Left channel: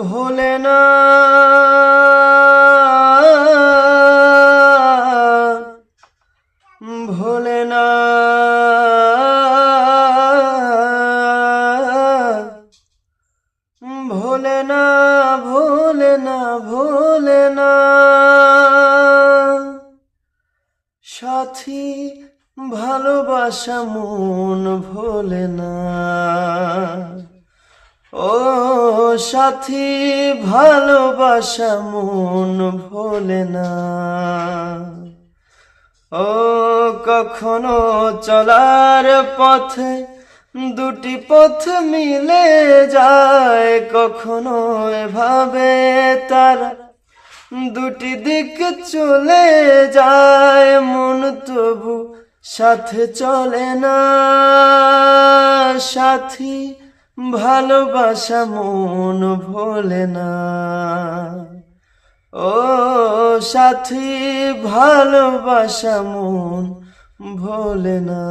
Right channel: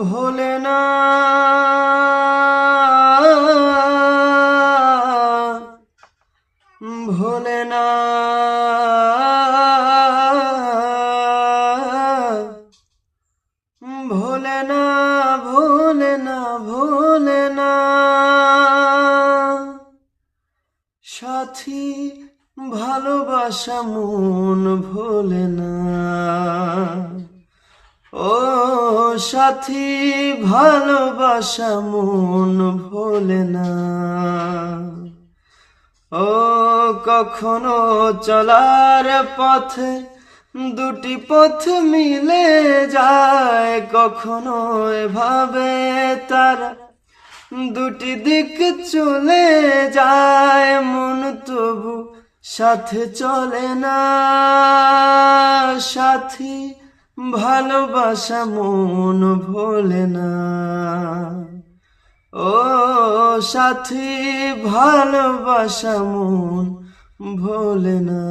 ভোলে না ভোলে না ভোলে না ভোলে না ভোলে না সাথী ভালোবাসা মন ভোলে না ও সাথী ভালোবাসা মন ভোলে না ও কখনো চলার পথে দুটি পথ মিলে যায় কখনো এভাবে তারা দুটি দিক চলে যায় মন তবু সাথে চলে না সাথী ভালোবাসা মন ভোলে না ও সাথী ভালোবাসা মন ভোলে না।